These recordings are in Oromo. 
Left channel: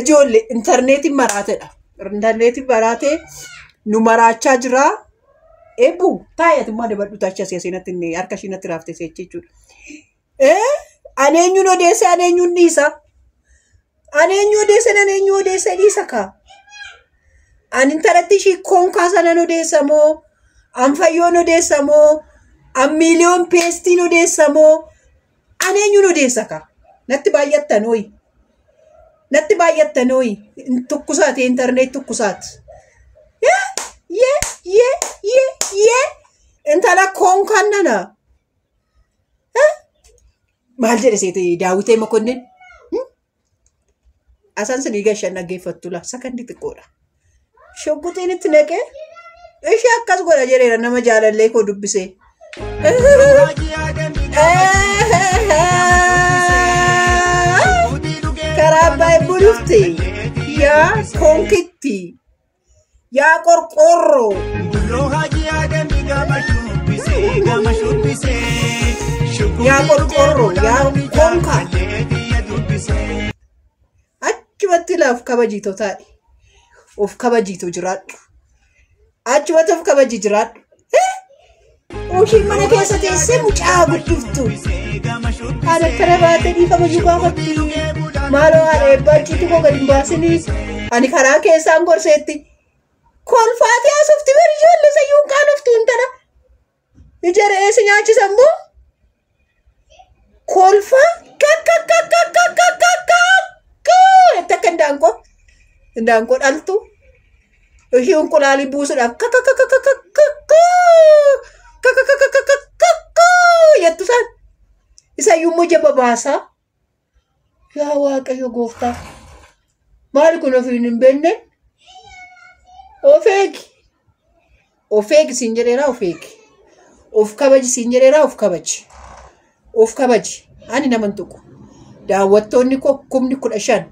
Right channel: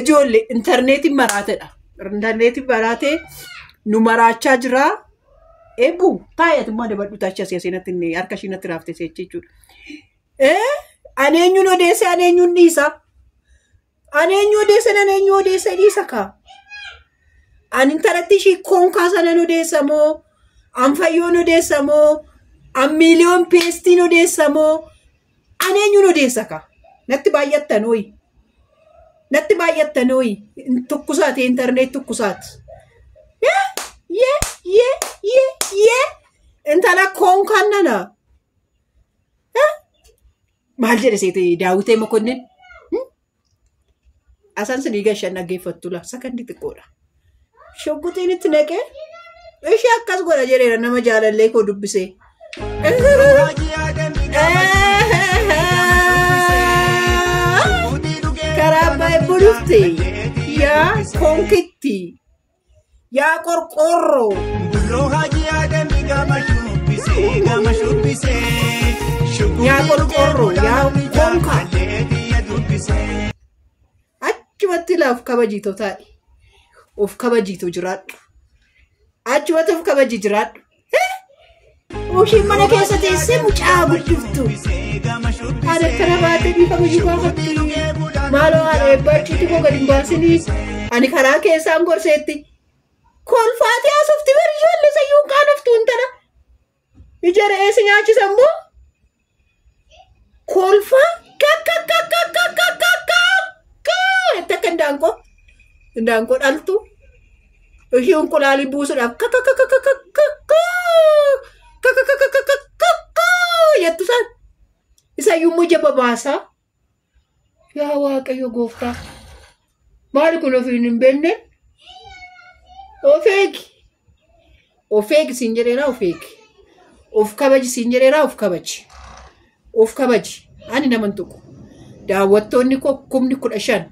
Ijoollee interneetiin maraatedha. Interneetiin maraatee nu maraachaa jira. Eebbu taayatummaa dabadhu tacha seenatti inni harka ishiinatti raaftee jechuudha. Aneenyuun odeesse aneenyuun dhiisa. Aneenyuu odeesse dhiisa kaa. Ani intalatti ishii koonkaa sanan odeessa moo? An fayyoon odeessa moo? An miiliyoon peestiin odeessa moo? Aneenyuun odeessa kaa. Natti baay'attan hoyi. Tukkusaati internet tukkusaati. Intala koonkaan nana. Maal jedhe seete Daawitee Mokonnin? Asan sidii gashan dhaggeeffattu la sakandi xiqqoodha. Shoggutiin itti naqee ishee akkas godha jedheera nama jaalallee koo dubbisee. Karaa baay'ee bulufte yaa konkitti yaa qorqorroo. Gama shubbisee achumatti laaf kabajiitoo taa'e of kabajiitoo jiraadhu achumatti of kabajii jiraadhu oshii mana keessa teessee mucaa guddiftu haala kana baatee bifa kabajuu baafatti maaloo areebbachiitu koo gadi baasinii ani karaa keessaan gorseetti kolfaatee asufti bari ijoollee sayyuun qaanoftu intala ijara eessi nyaachisan moo kolfa Takka ndaanqoo dhaltu ishii unqulaalii buusuudhaaf jettu san isayyuu immoo jaba baasaa yaa Waaqayyo gooftaa maali kun ofiin hin beekne ofeegi siin jedheeraa ofeegi of kabaji siin jedheeraa of kabaji ani naman tuqu daawwattoonni koo 15,000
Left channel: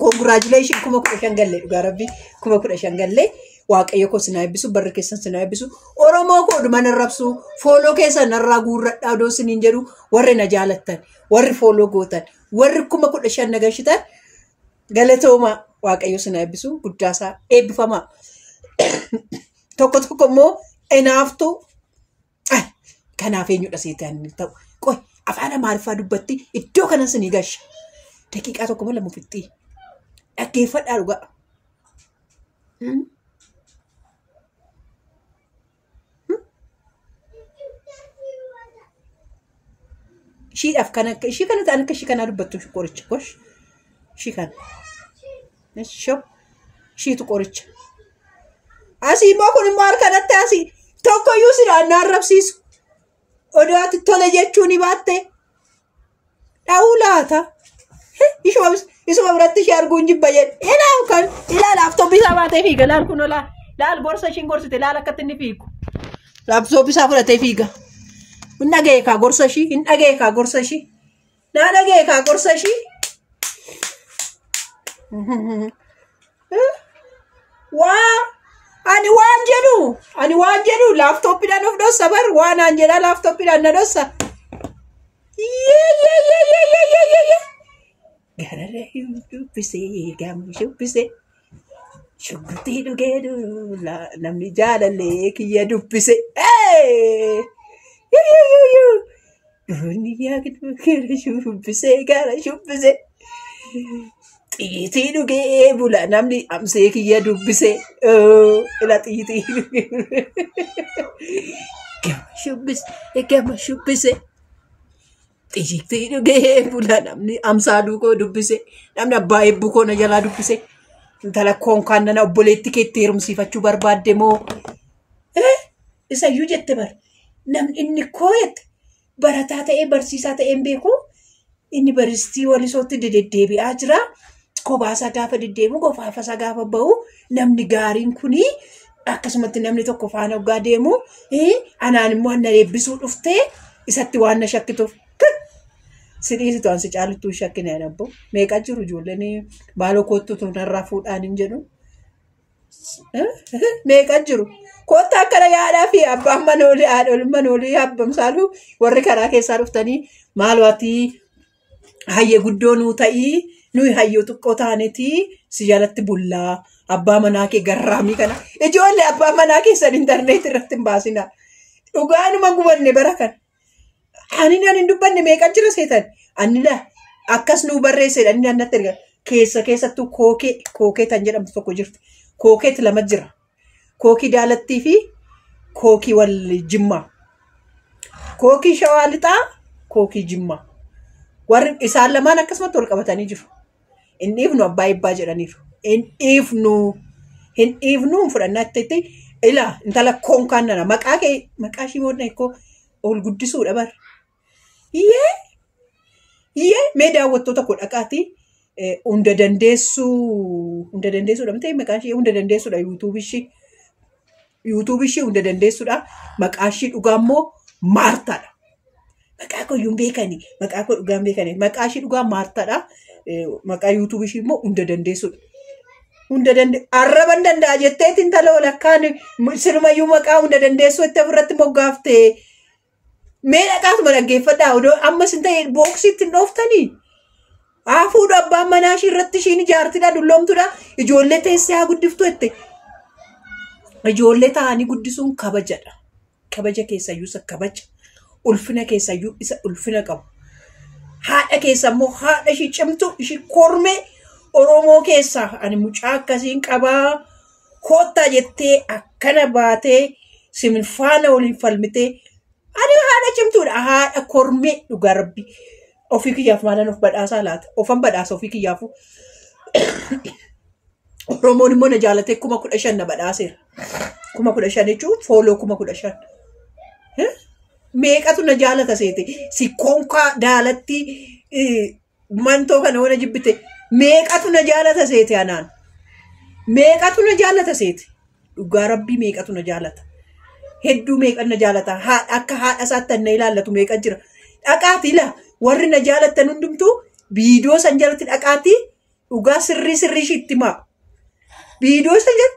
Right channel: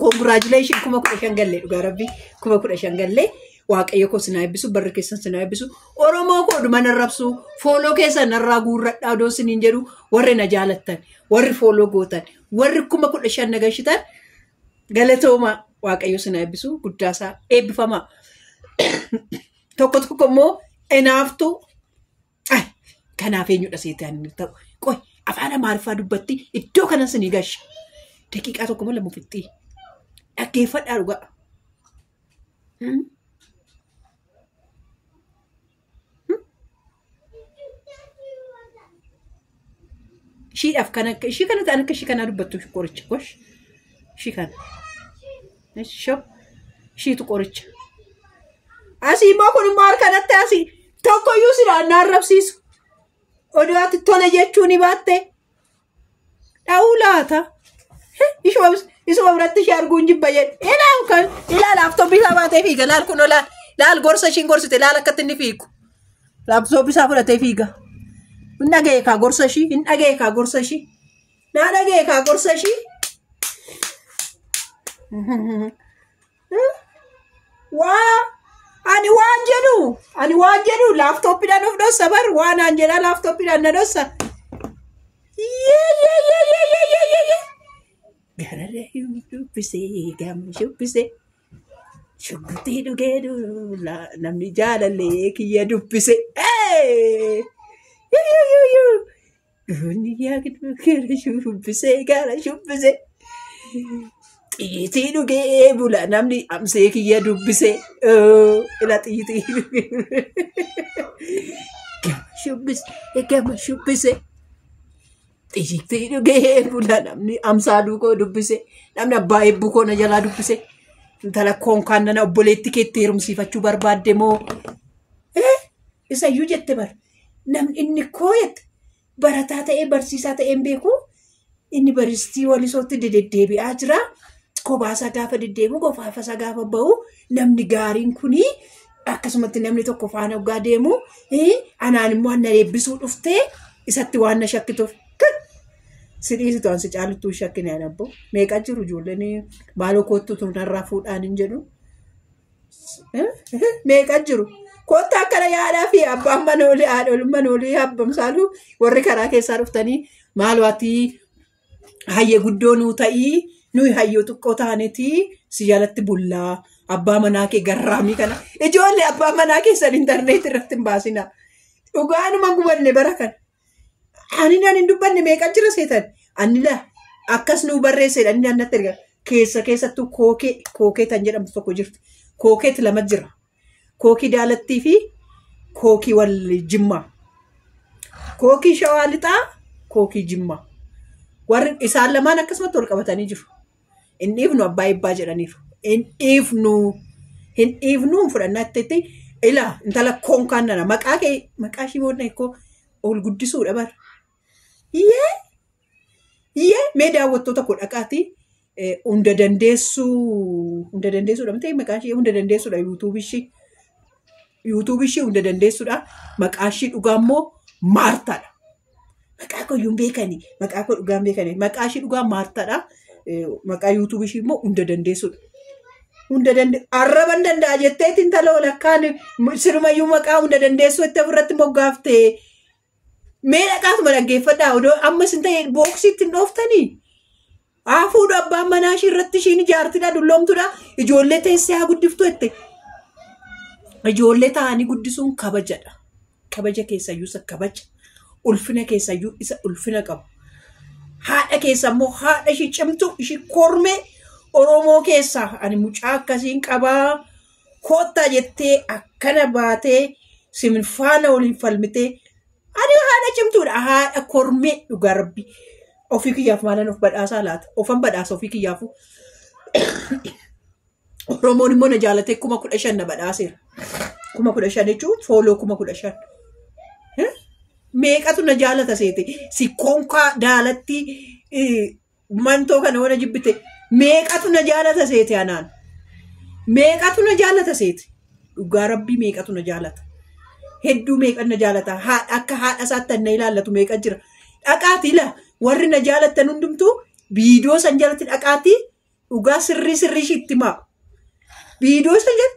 congratulations 15,000 galle dhugaa rabbi 15,000 galle Waaqayyo koo sinaa eebbisu barri keessan sinaa eebbisu Oromoo koo dhuma narrabsu fooloo keessan narraa guurradhaa odoo siniin jedhu warri na jaalattan warri fooloo gootan warri 15,000 nagashitan galatooma Waaqayyo sinaa eebbisu guddaasaa eebbifamaa tokko immoo enaaftu kanaaf eenyudha seetaan ta'u qoy afaan Amaariffaa dubbatti iddoo kana sinii gasha daqiiqaa tokko malee mufittii dhaggeeffadhaa dhugaa. Shiidhaaf kana ishii kana ta'an akka ishii kana dubbattu qoricha gosh ishii kana shiitu qoricha asii immoo kun immoo harkanatti asii tokkoyyuu sidhaan naarrabsiisu odaati tole jechuun baatte dha'uu laata isuma biratti ishee arguun jibba jedhe ilaa laaftooppi isaa baatee fiiga laal kun laal gorsa ishiin gorsite laal akkatti inni fiigu laaftooppi isaa fudhatee fiiga hin dhaga'e kaa gorsa ishii hin dhaga'e kaa gorsa ishii naa dhaga'e kaa gorsa ishii ani waan jedhu laaftooppiidhaan of dhossa bar waan aan jedhaa laaftooppiidhaan na dhossa. Gararee dubbisee gama shubbisee shuggutii dhugee namni jaalallee kiyya dubbise. Shubbisee gara shubbisee xiitii dhugee bula namni amsee kiyya dubbise ila xiitii dhugee gama shubbise xiitii dhugee bula namni amsaa duukoo dubbise namni abbaa eebbuu koo na jalaa dubbise intala koonkaan nana obboleetti keetti heerumsiifachuu barbaadde moo isayyuu jette bar namni inni koo jette barataa ta'ee barsiisaa ta'een beeku inni baristii walisootti deddeebi'aa jira kobaasaa gaafa deddeebi'u qofaafasaa gaafa ba'u namni gaariin kuni akkasumatti namni tokko faana ogaa deemu anaan immoo na eebbisuu dhuftee isatti waan na shakkituuf sidhiisitu ansi caaluttuu shakkina abbo meeqa jiru ijoolleen maaloo kootu tunarraa fuudhaan hin jedhu meeqa jiru. Koottaa akkana yaadaa fi abbaan manoolii haadholii manoolii habbamsaalu warri karaa keessaa dhuftanii maal waatii hayyee guddoo nuu ta'ii nuyi hayyoo xiqqoo taanetii si jalatti bullaa abbaa manaa kee garraamii kana ijoollee abbaa manaa keessan intarneet irratti hin baasina. Dhugaanuma gubanne bara kan ani nan hin dubbanne meeqa jira seetan ani la akkas nuu barreessedha inni annatti erga keessattuu kookee tan jedhamtu tokko jirti. Kookeet lama jira. Kookii daalattii fi kookii wal jimmaa. Kookii shawaa lixaa, kookii jimmaa. Warri isaan lamaan akkasumatti wal qabatanii jiru. Hin dhiifnu abbaa ibbaa jedhaniiru. Hin dhiifnu fudhannaa itti ilaa intala koonkaan nana maqaa ishii boodna ikkoo ol guddisuudha bara. Iyyee mee daawwattoota koo dhaqaatii hunda dandeessuudha miti maqaa ishee hunda dandeessuudha yuutuubii ishee hunda dandeessuudha maqaa ishee dhugaa immoo Maartaadha. Maqaa koo iyyuu beekanii maqaa koo dhugaan beekanii maqaa ishee dhugaa Maartaadha. Maqaa yuutuubii ishee immoo hunda dandeessuudha. Arraban danda'a jetteetiin intala walakkaan sirumayyuu maqaa hunda dandeessuu itti ofirratti moggaaftee mee dhaqaatuma dhaggeeffadhaa odoo ammas hin ta'e booksiitti hin dhooftanii. Hafuudha abbaan manaa ishii irratti ishiin ijaartidha dulloomtudha. Ijoollee teessee haa guddiftu jette. Ijoollee ta'anii guddisuun kabajadha. Kabaja keessayyuu isa kabaja. Ulfina keessayyuu isa ulfina qabu. Haadha keessa immoo haadha ishii cimtu ishii kormee Oromoo keessaa ani mucaa akkasiin qabaa koottaa jettee akkana baatee siminfaana waliin falmitee ani haadha cimtuudha haadha kormee dhugaa rabbi. Ofii kiyyaaf maalan of badhaasaa laata? Ofan badhaasa ofii kiyyaafu. Oromoon immoo na jaalatee 15,000 na badhaaseera. 15,000 jechuun fooloo 15,000. Meeqatu na jaalata seete? Si konkaa daalatti mantoo kana wana jibbite. Meeqatu na jaalata seete anaan? Meeqatu na jaalata seete? Dhugaa rabbii meeqatu na jaalata? Hedduu meeqa na jaalata? Akka haadha isaatti na ilaallatu meeqa jira? Dhaqaati laa. Warri na jaalatan hundumtuu viidiyoo san jalatti dhaqaatii dhugaa sirrii shiitti maa. Viidiyoo san jala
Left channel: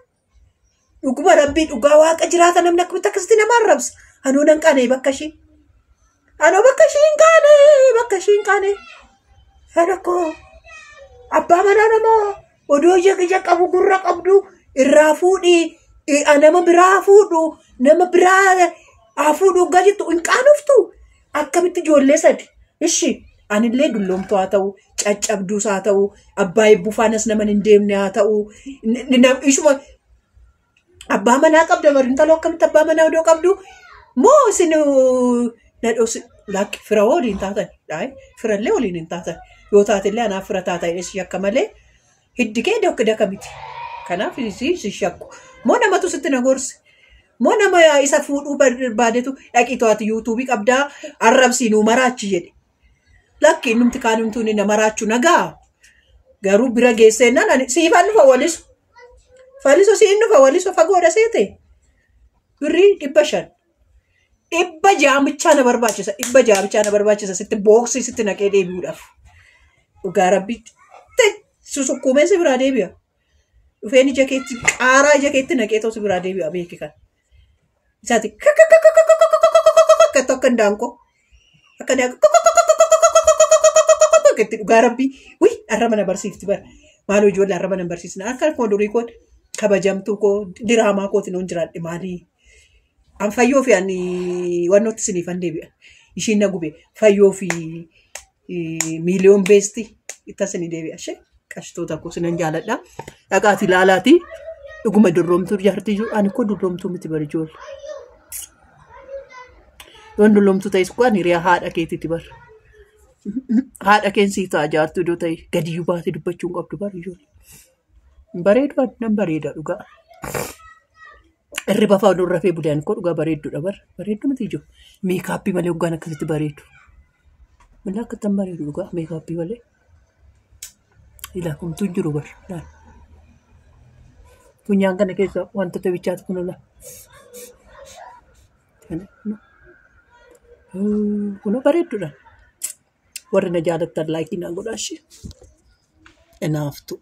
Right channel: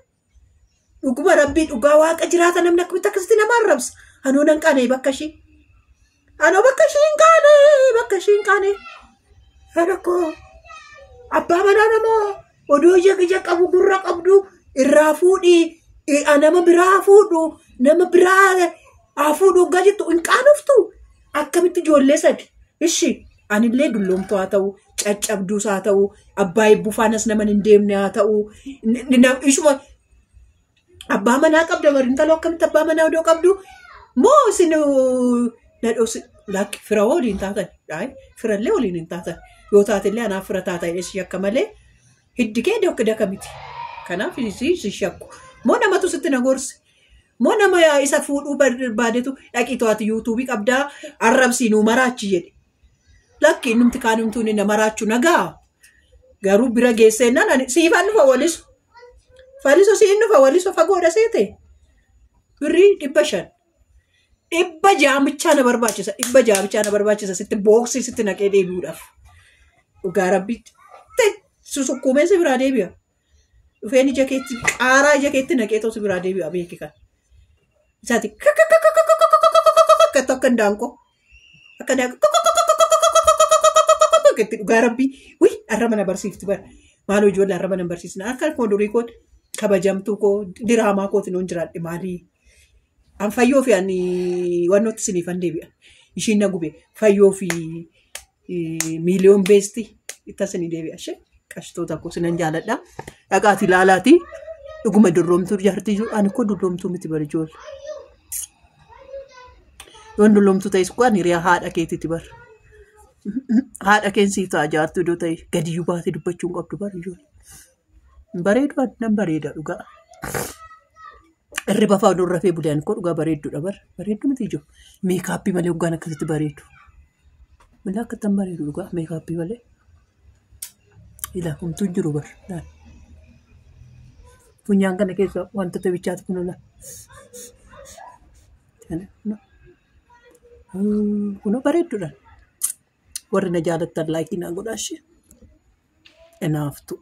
dhuguma rabbii dhugaa waaqa jiraata namni akkamitti akkasitti nama arrabsa. Anoo nan qaanee bakka ishii. Anoo bakka ishii hin qaanee. Rakkoo abbaa manaa namaa odoo ija qabu gurra qabdu irraa fuudhii nama biraa fuudhu nama biraa fuudhu gaa jettu hin qaanoftu. Akkamitti ijoollee sadi. Ishi anillee dulloomtuu haa ta'u caccabduus haa ta'u abbaa eebbufaanas nama hin deemne haa ta'u ishuma abbaa manaa qabda bari intaloo akkamitti abbaa manaa odoo qabdu moo isin nadhoos lakki fira waliin taatan firallee waliin hin taatan yoo taatillee anaaf fira taatan ishii akka malee hiddi kee dakka miti kanaaf ishii shakku moo namatu sitti na gorse moo nama isa fuudhuu barbaadetu dhaqii to'atu yuutuubii qabdaa arrabsiinuu maraachi jedhe. Lakki numti kaanumtuun inni maraachuu nagaa garuu bira geessennaan siifan dhufa walisu. Faliso siin dhufa walisu fagoodha seete. Birrii 500. 600 bichaa na barbaachisa. 600 bichaa na barbaachisa sitti booksii sitti naqee deebi'uudhaaf. Dhugaa rabbiitti susukkuumee si biraa deebi'a. Dhufeen ija keetti qaaraa ija keetti naqee too si biraa deebi'a beeki kan. Isaati akka ndaanqoo akka ndaanqoo. Dhugaa rabbii arra mana barsiifti bara maaloo ijoollee arra mana barsiisna akka fuuldurii koo kabajamtuu koo diraamaa kootiin on jiraadhe maalii an fayyoo fi ani wannooti siniifan deebi'a ishiin na gube fayyoo fi miiliyoon beesti itti sinii deebi'a ishee qashtoota koo sinan jaaladha dhaqaati ilaalaati dhuguma durroomtuu jaartii ani koo durroomtuu miti bara ijoollee yoon durroomtuu ta'es koo ani hiriyaa haadha keetiiti bara. Haadha keensii ta'a jaartuu iddoo ta'e gadiyyuu baatee dubbachuu hin qabdu bara ijoollee. Bareedu nan bareeda dhugaa. Irri bafaa odoo rafee bulaan koo dhugaa bareedduudha bara. Bareeddu miti ijoo. Meekaappii malee hoggaan akkasitti bareedu. Malee akkattan bareedu dhugaa meekaappii malee. Ilaa kumtuu hin jiru bara. Funyaan kana keessa wantoota bichaatu kun ola. Kunoo bareedduudha. Warri na jaalattan laayikii naa godhaa ishee. Enough to